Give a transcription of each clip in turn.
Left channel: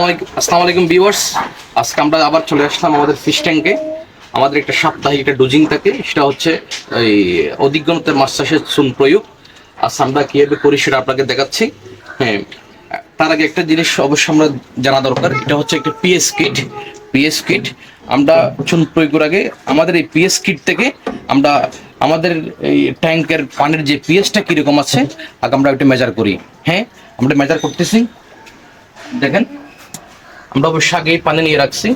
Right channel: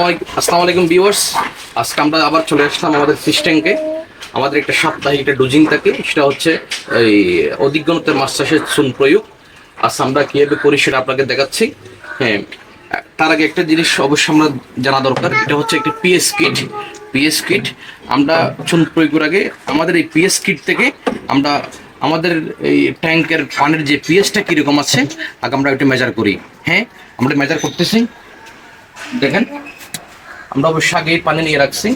আসসালামু আলাইকুম ভিউয়ার্স। আজকে আমরা আবার চলে আসলাম আমাদের ফিশ ট্যাঙ্কে। আমাদের একটা সাপ্তাহিক একটা ডোজিং থাকে, সেটা হচ্ছে এই অধিগ্রহণের মাছ চাষের চুন প্রয়োগ। আজ আমরা কীভাবে করি সেটা আপনাকে দেখাচ্ছি। হ্যাঁ, তার আগে একটা জিনিস অবশ্যই আমরা জানা দরকার, এটা হচ্ছে একটা পিএস কিট। পিএস কিট আমরা চুন প্রয়োগের আগে আমাদের এই পিএস কিট থেকে আমরা আমাদের এই ট্যাঙ্কের পানির যে পিএসটা কীরকম আছে আগে আমরা ওইটা মেজার করি। হ্যাঁ, আমরা মেজার করতেছি। দেখেন, আমরা অবশ্য আগে পানি নিয়ে রাখছি।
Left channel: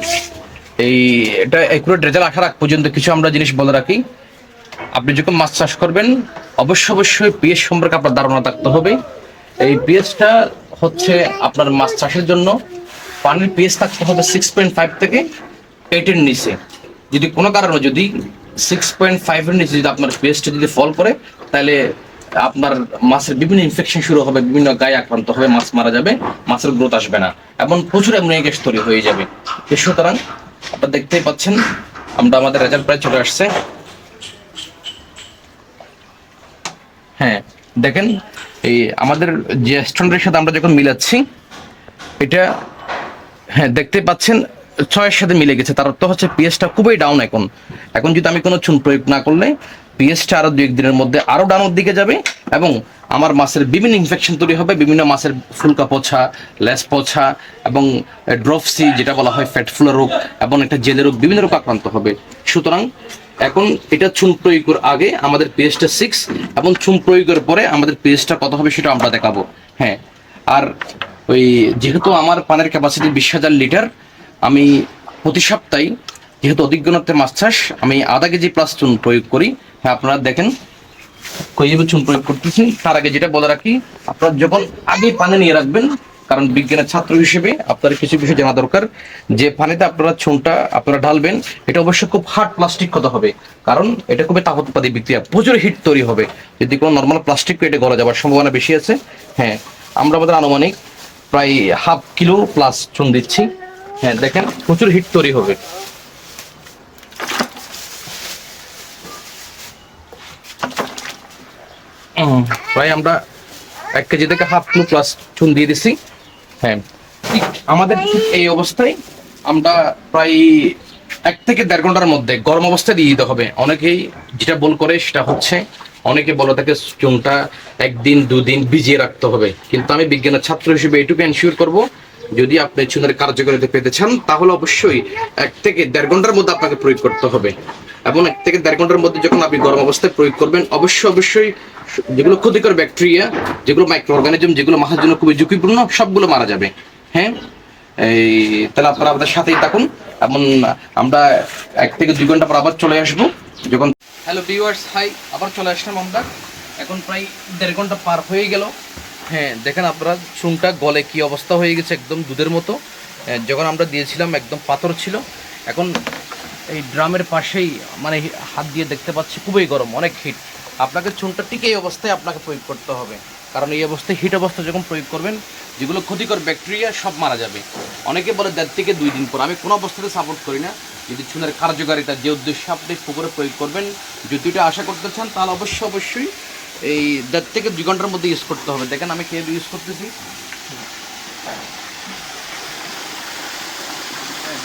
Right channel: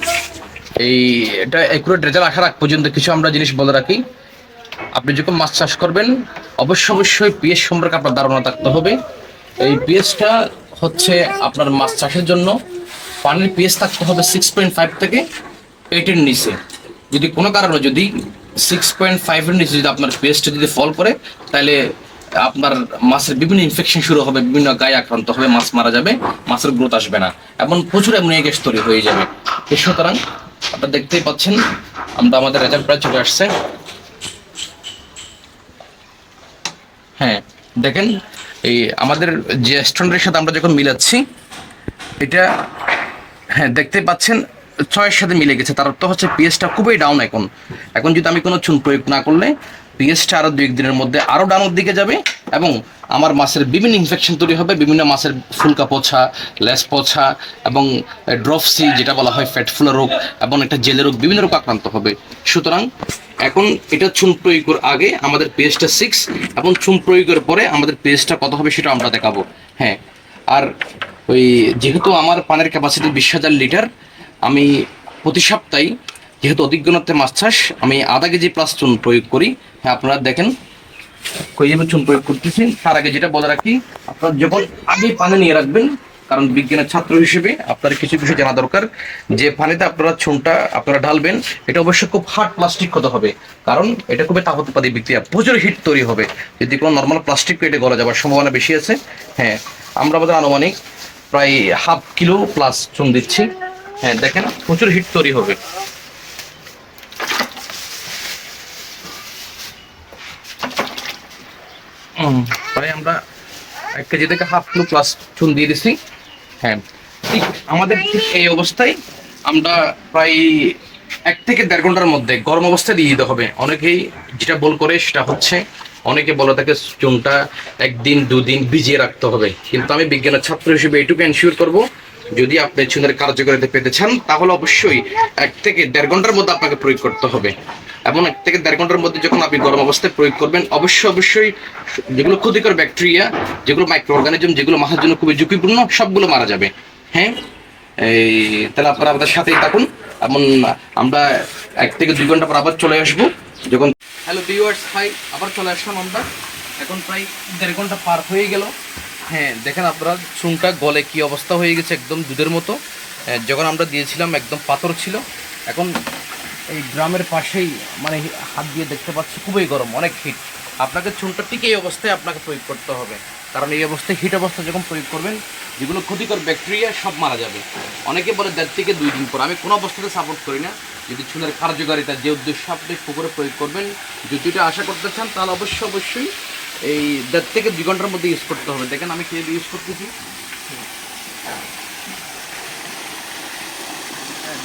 এই এটা একুরেট রেজাল্ট আসার আগ পর্যন্ত কিছু আমরা জিনিস বলে রাখি। আপনি যখন মাছ চাষ করবেন অবশ্যই পিএস সম্পর্কে আপনার ধারণা থাকতে হবে। এই পিএসটা হচ্ছে আপনার মাছ চাষের জন্য পানির পিএস থাকতে হবে 6.5 থেকে 8-এর নিচে। যদি কোনো কারণে যদি 6.5-এর নিচে যদি আপনার পিএসটা যদি ফল করে, তাহলে আপনার মাছের বিভিন্ন ইনফেকশন শুরু হবে, বিভিন্ন গায়ে আক্রান্ত হবে, মাছ মারা যাবে, মাছের গ্রোথ আসবে না এবং প্রচুর অ্যামোনিয়া গ্যাস তৈরি হয়ে যাবে। সুতরাং আপনারা দেখতেই পাচ্ছেন আমরা আমাদের রেজাল্ট প্রায় চলে আসছে। হ্যাঁ, দেখেন এই আমাদের যে স্ট্যান্ডার্ডের সাথে আমরা যখন মিলাচ্ছি এটা, হ্যাঁ দেখতে পাচ্ছেন 6-এর সাথে মিলে গেছে। তার অর্থ হচ্ছে পিএসটা খুবই ডাউন। এখন এখন যদি আমি কোনো চুন প্রয়োগ না করলে পিএসটা আরও 2-1 দিনের মধ্যে আরও ডাউনের দিকে যাবে এবং আমার মাছের বিভিন্ন ইনফেকশন তৈরি হবে, বিভিন্ন মাছের ফুলকা পচা, লেস পচা এবং ড্রপসি যেটা বলা হয় ফ্যাট ফুলা রোগ এবং একটা জেলে রোগ, বিভিন্ন রোগ আক্রান্ত হবে। সুতরাং এখন এটা চুন প্রয়োগের আগে আমাদের পিএসটা 6 এবং চুন প্রয়োগের পরে আমাদের পিএসটা কত হবে সেটা আমরা দেখাবো। হ্যাঁ, আর ওই যেহেতু আমার পানের ক্যাপাসিটি 20,000 লিটার, আমি প্রতি সপ্তাহে যেহেতু অধিগ্রহণতে মাছ চাষ, আমি আধা কেজি প্লাস চুন প্রয়োগ করি। হ্যাঁ, আপনারা দেখেন কীভাবে চুন প্রয়োগ করতেছি। তার আগে যেটা বলে রাখি, আপনারা যখন আগে পানি নিয়ে রাখবেন, কারণ বিজ্ঞানের ছাত্র হিসেবে আপনার কিছু বিষয় জানা দরকার। যে পানিতে আপনারা চুনটা আপনারা ঢালবেন এটা অবশ্যই খুব হার্ড প্লাস্টিক হতে হবে, কারণ এটা খুবই তাপোৎপাদী বিক্রিয়া, প্রচুর হিট তৈরি হবে। যদি কোনো নর্মাল প্লাস্টিক এটা গলা যাওয়ার সম্ভাবনা বেশি আছে। হ্যাঁ, আমরা আমাদের আনুমানিক প্রায় 1/2 কিলো প্লাস চুন দিচ্ছি। হ্যাঁ, দেখেন প্রচুর হিট তৈরি হবে। প্রায় আমরা 1 কেজি থেকে 1/2 কিলো প্লাস চুন দিয়ে দিচ্ছি। হ্যাঁ, ঠিক আমাদের ঠিক এই অবস্থায় আমরা প্রায় 1 থেকে 1.5 ঘন্টার মধ্যে গরম অবস্থায় দিয়ে দিতে হবে। অনেকেই যেটা বল করে সেটা হচ্ছে, অনেকে বলে থাকে চুনটা 1 দিন 2 দিন ভিজিয়ে রাখতে হবে, কিন্তু আমি বিজ্ঞানের ছাত্র হিসেবে এইটুকু এনশিওর করব, যদি আপনি চুনের কার্যকারিতা পেতে চান তাহলে অবশ্যই 1 থেকে 1.5 ঘন্টার মধ্যে আপনাকে প্রয়োগ করতে হবে। এবং 1 থেকে 1.5 ঘন্টার মধ্যে যখন আপনি গরম অবস্থায় প্রয়োগ করবেন অবশ্যই যেগুলো ক্ষতিকর ব্যাকটেরিয়া, যেগুলো মাইক্রো অর্গানিজম, যেগুলো মাছের জন্য খুবই ঝুঁকিপূর্ণ, সবগুলো মারা যাবে। হ্যাঁ, এই তাহলে আপনারা আমাদের সাথেই থাকুন। এমন আমরা 1 থেকে 2 ঘন্টা পর আবার চলে আসবো যখন। হ্যালো ভিউয়ার্স, হাই, আবার চলে আসলাম আমরা। এখন প্রায় 1.5 ঘন্টা পার হয়ে গেল। হ্যাঁ, দেখেন আপনারা চুনটা গলে কি অবস্থা হয়ে গেছে, একদম দুধের মতো। যখন আমরা দিয়েছিলাম একদম পাথর ছিল। এখন এই ড্রামের পাশেই মানে হাত দিয়ে দেখতে পাচ্ছি খুবই গরম, অনেক হিট। আপনাকে চুনটা ঠিক এই অবস্থায় আপনাকে প্রয়োগ করতে হবে, কারণ এই অবস্থায় হিট অবস্থা যখন প্রয়োগ করবেন যেগুলো ক্ষতিকর ব্যাকটেরিয়া সব মারা যাবে। অনেকে বলে 1.5 থেকে 2 দিন পর, আমি কোনো অবস্থাতে সাপোর্ট করি না। যদি চুনের কার্যকারিতা যে উদ্দেশ্যে আপনি পুকুরে প্রয়োগ করবেন যদি এটা আশা করতে চান, তাহলে অবশ্যই এই 1.5 থেকে 2 ঘন্টার মধ্যে ইউজ করতে হবে। দেখেন আমি কীভাবে ইউজ করতেছি।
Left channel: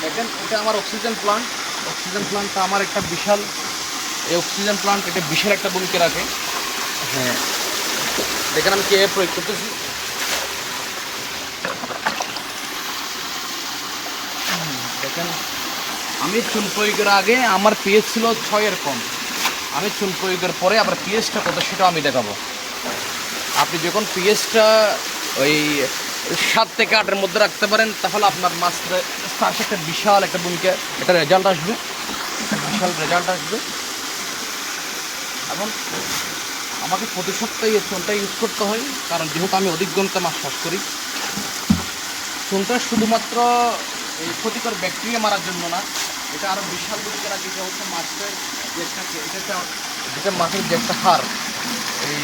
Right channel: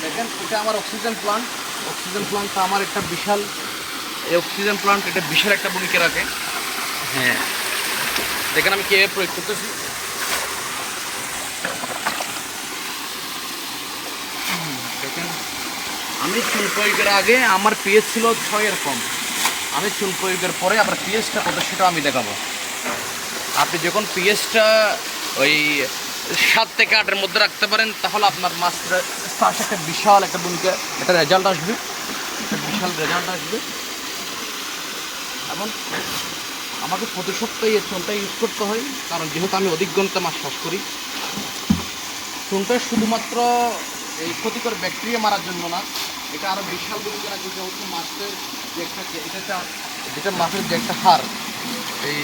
দেখেন এটা আমার অক্সিজেন প্লান্ট। অক্সিজেন প্লান্টটা আমার একটা বিশাল, এই অক্সিজেন প্লান্ট এটা বিশাল একটা ভূমিকা রাখে। হ্যাঁ, দেখেন আমি কীভাবে প্রয়োগ করতেছি। দেখেন আমি চুন প্রয়োগের আগে আমার পিএইচ ছিল 6-এর কম। আমি চুন প্রয়োগের পরে আবার পিএইচটা কত সেটা আমি দেখাবো। আপনি যখন পিএইচটা ওই 7 থেকে 8-এর মধ্যে রাখতে পারেন, তাহলে আপনার মাছের চাষে একটা বিশাল একটা ভূমিকা, একটা রেজাল্ট আসবে, বিশাল রেজাল্ট আসবে। এবং আমাকে প্রতি সপ্তাহে এই চুনটা ইউজ করতে হয়, কারণ যেহেতু আমি অধিগ্রহণতে মাছ চাষ করি। চুনটা শুধুমাত্র এই ক্ষতিকর ব্যাকটেরিয়া মারার জন্য না, এটা আরও বিশাল ভূমিকা রাখে। যেটা হচ্ছে মাছের যে একটা, যেটা মাছের যে একটা হাড়, এই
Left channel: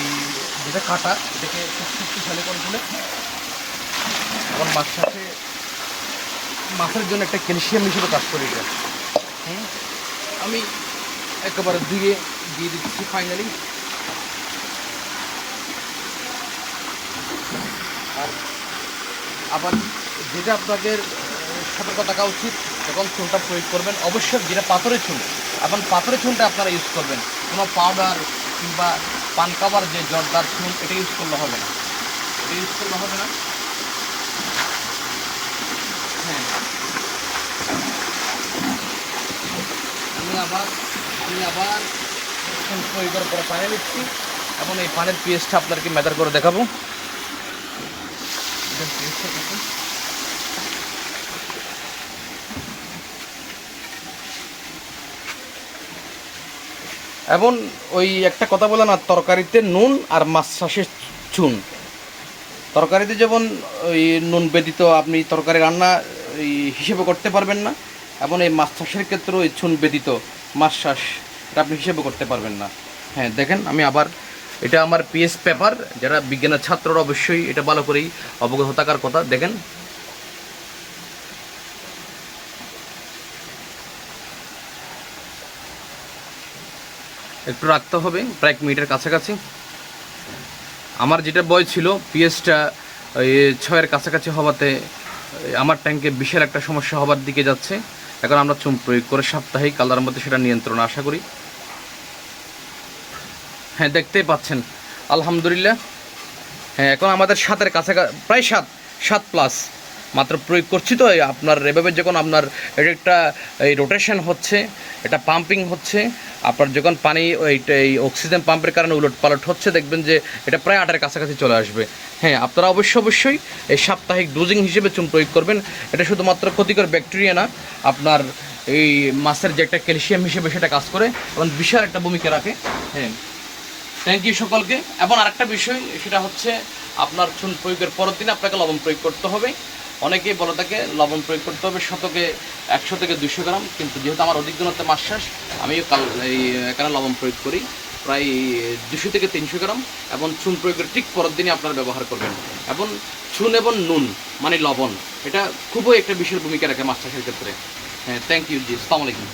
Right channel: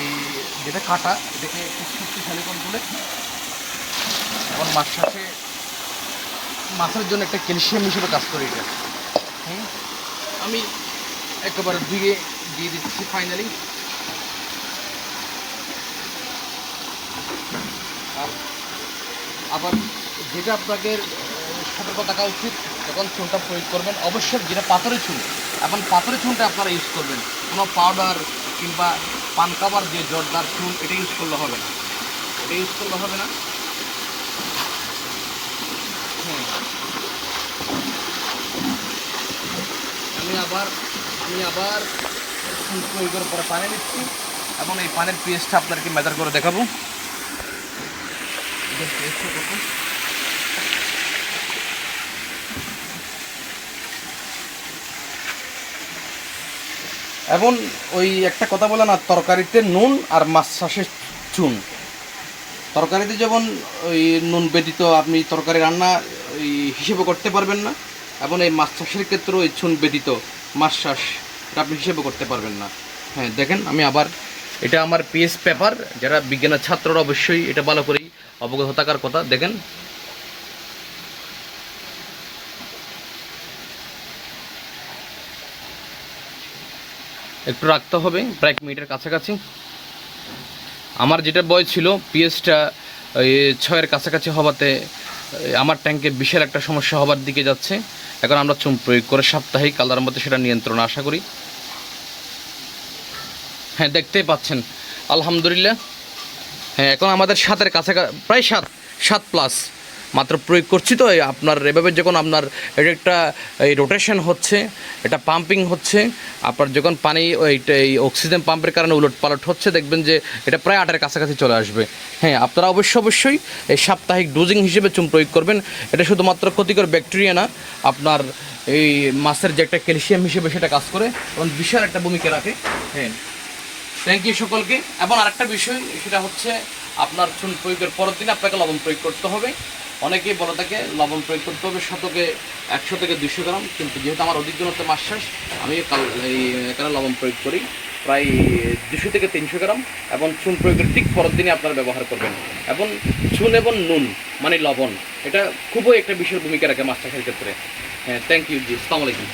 যেটা কাটা, এটাকে শক্তিশালী করে তুলে এবং মাছের জন্য একটা ক্যালসিয়াম হিসেবে কাজ করে এটা। আমি একেবারে দিয়ে দিচ্ছি ফাইনালি। আর আবার যেটা আপনাদের সতর্ক থাকা উচিত, যখন চুনটা প্রয়োগ করবেন অবশ্যই যেটা পাথরের চুন, এখন পাথরের চুনটা আপনারা ইউজ করবেন, কোনো পাউডার কিংবা পান কাবার যে জর্দার চুন এটা ইউজ করলে হবে না, এটা ইউজ করলে হবে না। হ্যাঁ, আমি আবার চুন প্রয়োগের পরে পানি নিচ্ছি এবং এই পানির পিএইচটা আপনাদেরকে মেজার করে দেখাবো। এটার পিএইচটা কত? এবং ওই একটা কথা বলে না, তরকারিতে নুন আর মাছ চাষের চুন, তরকারিতে যেমন ওই নুন ব্যতীত আপনি তরকারি রান্না ওই হিসেবে করতে পারবেন না, এবং এই মাছ চাষের ক্ষেত্রেও এই চুন ব্যতীত মাছ চাষ এটা আপনি হিসেবে করতে পারবেন না। হ্যাঁ দেখেন, আমি আবার এটা আমার পিএস পেপার, যারা বিজ্ঞানের ছাত্ররা অবশ্যই এটা ভালো করেই অবগত থাকার কথা। দেখেন একটু রাখতে হবে প্রায় 1 মিনিটের কাছাকাছি। আমার যেটা বয় ছিল পিএসটা ওই 6-এর কাছাকাছি হওয়াতে আমার ট্যাঙ্কে বিশাল একটা সমস্যা হবার দিকে যাচ্ছে। এখন আমরা চুন প্রয়োগ করে সাপ্তাহিক কালার মধ্যে সেটা নিয়ন্ত্রণ আশা করি। হ্যাঁ দেখতেই পাচ্ছেন আলহামদুলিল্লাহ। হ্যাঁ এখন আমাদের 7-এর কাছাকাছি, প্রায় 7 প্লাস মাত্র প্রয়োগ করছি। তো আপনার এভাবে যখন আপনার এটা একটা এই রোটেশন হচ্ছে, এটা পাম্পিং হচ্ছে, আপনার যখন পানি এই অক্সিজেন পাম্পের কারণে উলট পালট হচ্ছে, দেখবেন যে এটা প্রায় 8-এর কাছাকাছি চলে আসবে। হ্যাঁ আপনারা অবশ্যই এই সাপ্তাহিক ডোজিং হিসেবে চুন প্রয়োগ করবেন। এটা শুধুমাত্র ক্ষতিকর ব্যাকটেরিয়া না, আপনার এই মাছের যে একটা ক্যালসিয়াম হিসেবে সেটা কাজ করে এবং বিশাল একটা ভূমিকা রাখে। হ্যাঁ থ্যাংক ইউ সকলকে। এবং আরেকটা বিষয়, সেটা হচ্ছে আপনার চুন প্রয়োগের পরের দিন আপনাকে লবণ প্রয়োগ করতে হবে। অনেকেই বলে থাকে লবণ প্রয়োগ করতে হবে শতকে 100 থেকে 200 গ্রাম, কিন্তু যেহেতু আমার অধিক জনত্বে মাছ চাষ, আমি এখানে লবণ প্রয়োগ করি প্রায় 200 থেকে 300 গ্রাম, এবং চুন প্রয়োগের ঠিক পরের দিনই আপনারা ব্যবহার করবেন। এবং চুন এবং নুন মানে লবণ, এটা খুবই একটা বিশেষ ভূমিকা রাখে মাছ চাষের ক্ষেত্রে। হ্যাঁ থ্যাংক ইউ জি, আসসালামু আলাইকুম।